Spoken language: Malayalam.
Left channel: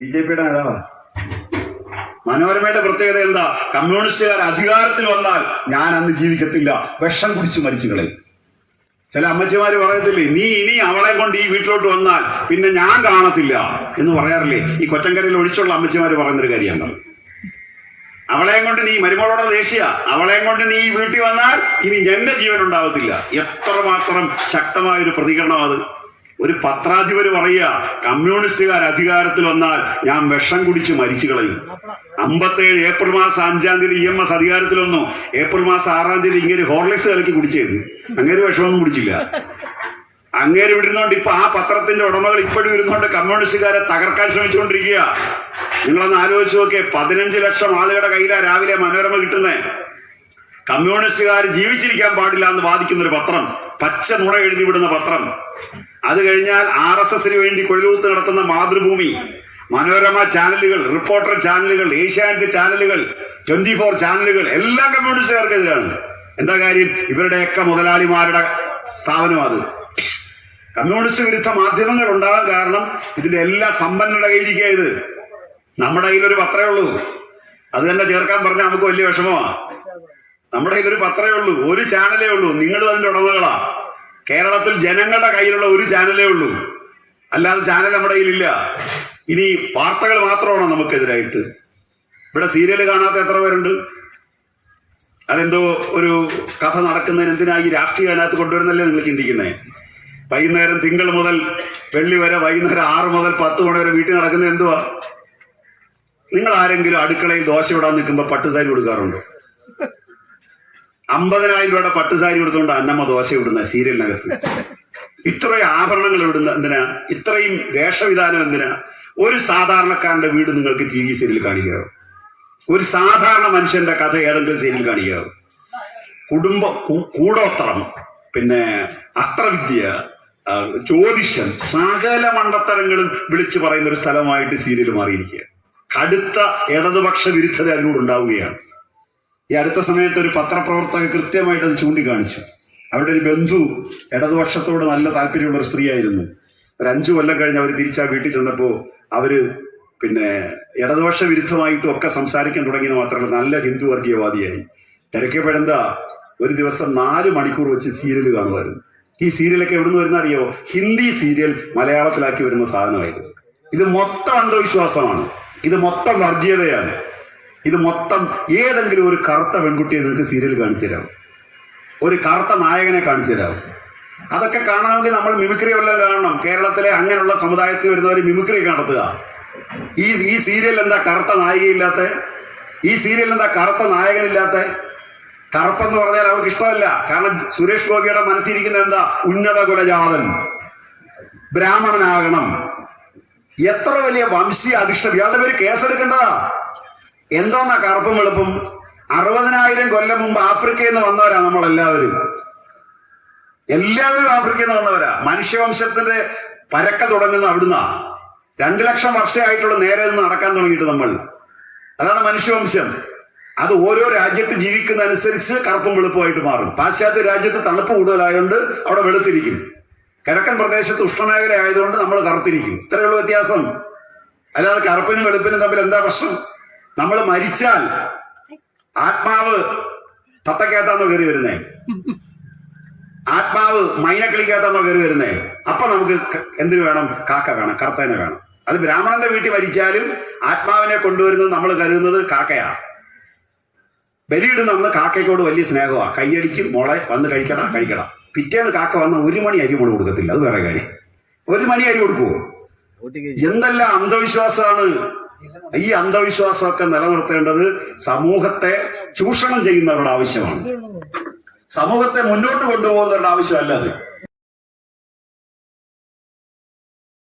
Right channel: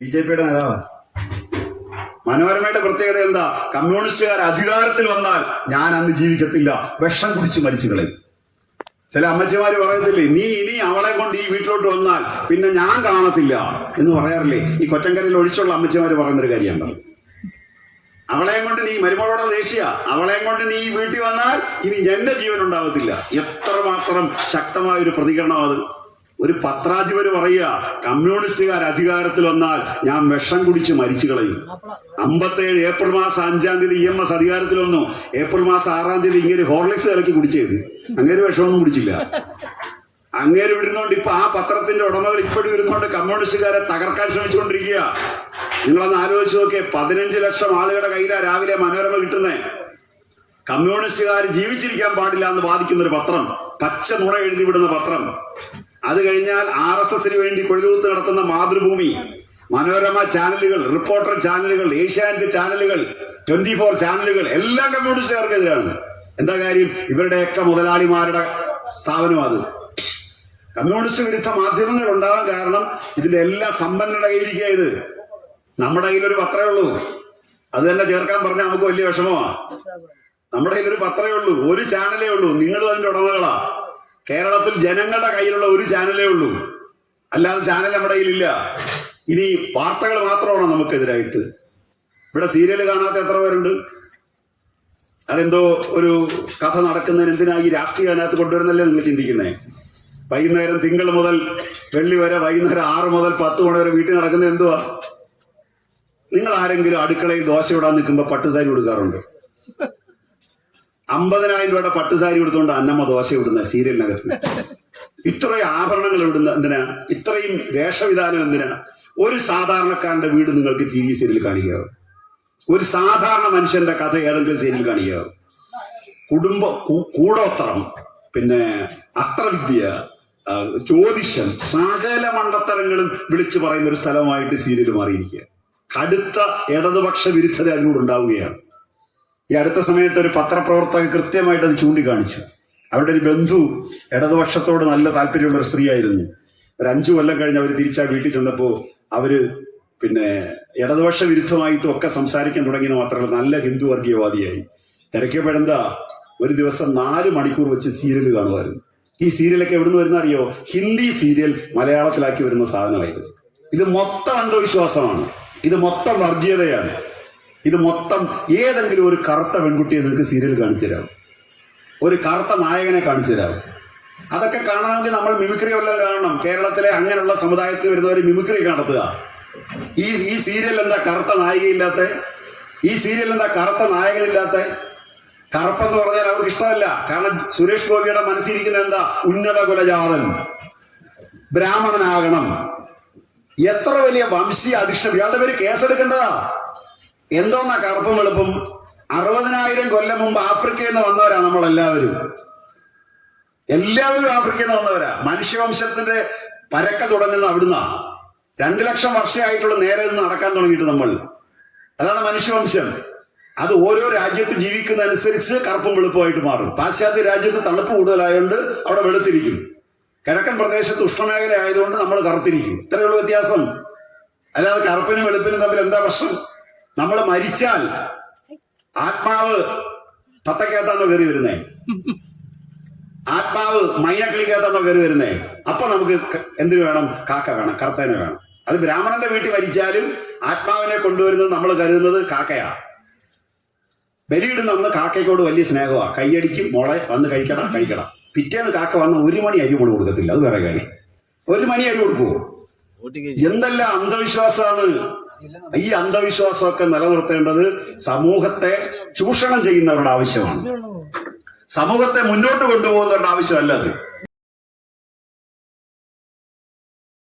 ബിജെപിയുടെ നേതാവാ. മനോരമയുടെ പ്രത്യേകത എന്താ? കമ്മ്യൂണിസ്റ്റുകാർ അധികാരത്തിൽ വന്നാൽ ഞാൻ അന്ന് ജീവിക്കത്തില്ല, വിഷം കുടിച്ച് മരിച്ചു കളയും. ചില അമ്മച്ചിമാര് പറയത്തില്ലേ, നീ ഇനി അവളെ കൊണ്ട് ഈ വീട്ടിലോട്ട് വന്നാൽ പിന്നെ ഞാൻ കാണത്തില്ല എന്ന് പറയാറില്ലേ? ഈ കൊച്ചങ്കരയിൽ ഒഴിച്ചുള്ള അമ്മച്ചിമാര് പറയുന്നൊരു കാര്യമാണ്. അവളെയും കൊണ്ട് നീ മരുമോളോടെ ദേഷ്യ, അവളെയും കൊണ്ട് നീ ഈ വീട്ടിൽ വന്നാൽ ഇനി എന്റെ ജീവൻ ഉണ്ടാവത്തില്ല. എത്രമാത്രം ശക്തമായ ഒരു പ്രതികരണം അത്. ഒരു പത്രാധിപര് പറയുക, കമ്മ്യൂണിസ്റ്റുകാർ അധികാരത്തിൽ വന്നാൽ ഞാൻ വിഷം കുടിച്ച് മരിച്ചു കളയും. 57 ഏപ്രിൽ മാസം 5-ാം തീയതി EMS അധികാരത്തിൽ വന്നു. ഏപ്രിൽ മാസം 6-ാം തീയതി ഇങ്ങനെ ഹോർലിക്സ് കലക്കി കുടിച്ചത്. അങ്ങേര് വിഷമൊന്നും കുടിച്ചില്ല. അങ്ങേര് വിടുന്നോണ്ട് ഇപ്പൊ ആ പത്രത്തിന്റെ ഉടമകൾ ഇപ്പോഴും ഇരുന്നോണ്ട് കമ്മ്യൂണിസ്റ്റുകാരെ തകർക്കാൻ ശ്രമിച്ചുകൊണ്ടിരിക്കുക. നിങ്ങളൊന്ന് ആലോചിച്ച് നോക്കിയേ, 15 ലക്ഷം ആളുകളുടെ കയ്യിലാണ് രാവിലെ മനോരമ കിട്ടുന്നേ. കമ്മ്യൂണിസ്റ്റുകാർ ജീവിച്ചിരിക്കാൻ പാടില്ല എന്ന് വാദിക്കുന്ന ഒരു പത്രം, പച്ച നുണ എഴുതി വിടുന്ന പത്രം. അത് കഴിഞ്ഞാൽ RSSന് വേണ്ടി കൊഴിലൂത്ത് നടത്തുന്ന മാതൃഭൂമി, മനോരമ ചാനലുകൾ, റിപ്പോർട്ടർ ചാനലുകൾ, ഏഷ്യാനെറ്റ് ചാനലുകൾ, 24 ചാനലുകൾ എല്ലാം കമ്മ്യൂണിസ്റ്റുകാർക്കെതിരാണ്. എന്താ കാര്യം? ഇവരുടെയൊക്കെ മുതലാളിമാരുടെ സ്ഥാപനം അത്. കമ്മ്യൂണിസ്റ്റ് വിരുദ്ധ മാധ്യമങ്ങൾ ഉണ്ടാകാൻ കാരണം ഇതിന്റെ എല്ലാ സമ്പന്നരുടെ കയ്യിലിരിക്കുക. ഇത് നമ്മുടെ കയ്യിലൊരു പത്രമേ ഉള്ളൂ. അത് തന്നെ ചേർക്കാൻ പറഞ്ഞാൽ നമുക്ക് വലിയ വിഷമമാണ്. നമ്മുടെ കയ്യിലൊരു പത്രമേ ഉള്ളൂ, ഒരു ചാനലേ ഉള്ളൂ. നിങ്ങളും അതിന്റെ ഉടമകളാ. കേരളത്തിൽ ജനങ്ങളുടെ കയ്യിലുള്ള ഒരു ചാനലേ ഉള്ളൂ, അല്ലാതെ ചാനൽ നമ്മുടെ കയ്യിലില്ല. ഇനി വാർത്തകൾ മാത്രമാണോ നമുക്കെതിരായിട്ട്? ഇവിടെ സീരിയൽ കാണാത്ത എത്ര പേരുണ്ട്? അതെന്തോ ഒരു കഥ നടക്കുന്നതിന് എന്തിനാ ഈ രാഷ്ട്രീയം അതിനകത്ത് കൊണ്ടുവരുന്നല്ലേ നിങ്ങൾ ചിന്തിക്കുന്നേ? വൈകുന്നേരം തിങ്കൾ മുതൽ വെള്ളി വരെ വൈകുന്നേരം 6 മുതൽ 10 മണി വരെ വീട്ടിൽ നടക്കുന്നത് എന്തുവാ? നിങ്ങൾ ആരെങ്കിലും അടുക്കളയിൽ ദോശ ഇടാൻ നിൽക്കുമ്പോൾ പട്ടുസാരി കൊടുക്കാറുണ്ടോ? 50,000 രൂപയുടെ പട്ടുസാരി എടുത്തുകൊണ്ട് അന്നമ്മ ദോശ ഇടുന്ന സീരിയലിനകത്ത്. ഇത്രയും ആഭരണങ്ങൾ ഇടുന്ന എന്തിനാ? ഇത്രയും വേഷവിധാനം എന്തിനാ? ഒരു സാധാരണക്കാരന്റെ വീട് നിങ്ങൾക്ക് TV സീരിയൽ കാണിക്കാറോ? ഒരു സാധാരണ മനുഷ്യന്റെ കഥ ഏതെങ്കിലും സീരിയൽ കാണിക്കാറോ? കുടുംബം, കൂടോത്രം, പിന്നെ അസ്ത്രവിദ്യ, ജ്യോതിഷം, സകല മണ്ടത്തരങ്ങളും വിളിച്ചു പറയുന്ന ഒരു സ്ഥലമായിട്ട് സീരിയൽ മാറിയിരിക്കുക. കടുത്ത ഇടതുപക്ഷ വിരുദ്ധത അതിനോട് ഉണ്ടാവുകയാണ്. ഈ അടുത്ത സമയത്ത് ഒരു പത്രപ്രവർത്തക കൃത്യമായിട്ട് അത് ചൂണ്ടിക്കാണിച്ചു. അവരുടെ ഒരു ബന്ധു ഇടതുപക്ഷത്തോട് നല്ല താല്പര്യമുള്ള ഒരു സ്ത്രീയായിരുന്നു. ഒരു 5 കൊല്ലം കഴിഞ്ഞ് അവർ തിരിച്ചാ വീട്ടിൽ ചെന്നപ്പോൾ അവര് പിന്നെ ഇടതുപക്ഷ വിരുദ്ധമായിട്ടും ഒക്കെ സംസാരിക്കാൻ തുടങ്ങിയെന്ന് മാത്രമല്ല നല്ല ഹിന്ദു വർഗീയവാദിയായി. തിരക്കപ്പെടുന്ന ഒരു ദിവസം 4 മണിക്കൂർ വെച്ച് സീരിയൽ കാണുമായിരുന്നു. ഈ സീരിയലൊക്കെ എവിടുന്ന് വരുന്ന അറിയോ? ഹിന്ദി സീരിയൽ മലയാളത്തിലാക്കി വരുന്ന സാധനമായത്. ഇത് മൊത്തം അന്ധവിശ്വാസമാണ്, ഇത് മൊത്തം വർഗീയതയാണ്, ഇത് മൊത്തം. ഏതെങ്കിലും ഒരു കറുത്ത പെൺകുട്ടിയെ നിങ്ങൾക്ക് സീരിയൽ കാണിച്ചു തരാം, ഒരു കറുത്ത നായകനെ കാണിച്ചു തരാം. അതൊക്കെ കാണണമെങ്കിൽ നമ്മൾ മിമിക്രി വല്ലതും കാണണം. കേരളത്തിലെ അങ്ങനെയുള്ള സമുദായത്തിൽ വരുന്നവർ മിമിക്രി നടത്തുക. ഈ സീരിയൽ എന്താ കറുത്ത നായികയില്ലാത്ത? ഈ സീരിയൽ എന്താ കറുത്ത നായകനില്ലാത്ത? കറുപ്പെന്ന് പറഞ്ഞാൽ അവർക്ക് ഇഷ്ടമല്ല. കാരണം സുരേഷ് ഗോപിയുടെ മനസ്സിരിക്കുന്നത് എന്താ? ഉന്നത കുലജാതൻ, ബ്രാഹ്മണനാകണം. എത്ര വലിയ വംശീയ അധിഷ്ഠം! ഇയാളുടെ പേര് കേസെടുക്കേണ്ടതാ. എന്തോന്നാ കറുപ്പും വെളുപ്പും? 60,000 കൊല്ലം മുമ്പ് ആഫ്രിക്കയിൽ നിന്ന് വന്നവരാ നമ്മളെല്ലാവരും. എല്ലാവരും ആഫ്രിക്കയിൽ നിന്ന് വന്നവരാ. മനുഷ്യവംശത്തിന്റെ പരക്ക തുടങ്ങുന്ന അവിടുന്ന 2 ലക്ഷം വർഷമായിട്ടുള്ള നേരെ നിന്ന് നടക്കാൻ തുടങ്ങിയിട്ട് നമ്മൾ. അതാണ് മനുഷ്യവംശം. അത് ഓരോ രാജ്യത്ത് ജീവിക്കുന്ന അനുസരിച്ച് കറുപ്പും വെളുപ്പമായിട്ട് മാറും. പാശ്ചാത്യ രാജ്യത്ത് തണുപ്പ് കൂടുതലായതുകൊണ്ട് അവിടെ വെളുത്തിരിക്കും. കിഴക്കൻ പ്രദേശത്ത് ഉഷ്ണമേഖല ആയതുകൊണ്ട് നമ്മൾ കറുത്തിരിക്കും. ഇത്രയുള്ള വ്യത്യാസം. അല്ലാതെ കറുപ്പിനും വെളുപ്പിനും തമ്മിൽ എന്താ പ്രശ്നം? നമ്മൾ മരിച്ചാൽ ആത്മാവ് തത്തക്കകത്താന്നോ കയറി വരുന്നേ? ആത്മാവ് മൈനക്കിളിക്കകത്താന്നോ കയറി വരുന്നേ? അപ്പൊ നമുക്ക് എന്തിനു വേണം? കാക്ക വേണം, കറുത്തനെ വേണം. അത് ബ്രാഹ്മണന്റെ വീട്ടിൽ മരിച്ചാലും ആത്മാവിനെ കൊണ്ടുവരുന്നത് നമ്മൾ കരുതുന്നത് കാക്കയാ. ബലിയിടുന്ന അന്ന് കാക്കയ്ക്കോട് വലിയ സ്നേഹമാണ്. കൈയടിക്കും, മോളെ വന്ന് കഴിക്കടാ കഴിക്കടാ. പിറ്റേന്ന് കാക്ക വന്ന 1 മണി അരി കൊണ്ട് കൊടുക്കത്തില്ല. അത് വേറെ കാര്യം. 1 മണി അരി കൊടുക്കുവോ? എന്തെല്ലാം അന്ധവിശ്വാസമാണ്! ഈ അന്ധവിശ്വാസമൊക്കെ നിലനിർത്തേണ്ടത് സമൂഹത്തെ ചൂഷണം ചെയ്യുന്നവരുടെ ആവശ്യമാണ്. സമൂഹത്തെ മുന്നോട്ട് കൊണ്ടുപോകുന്നവരുടെ ആവശ്യമല്ല അത്.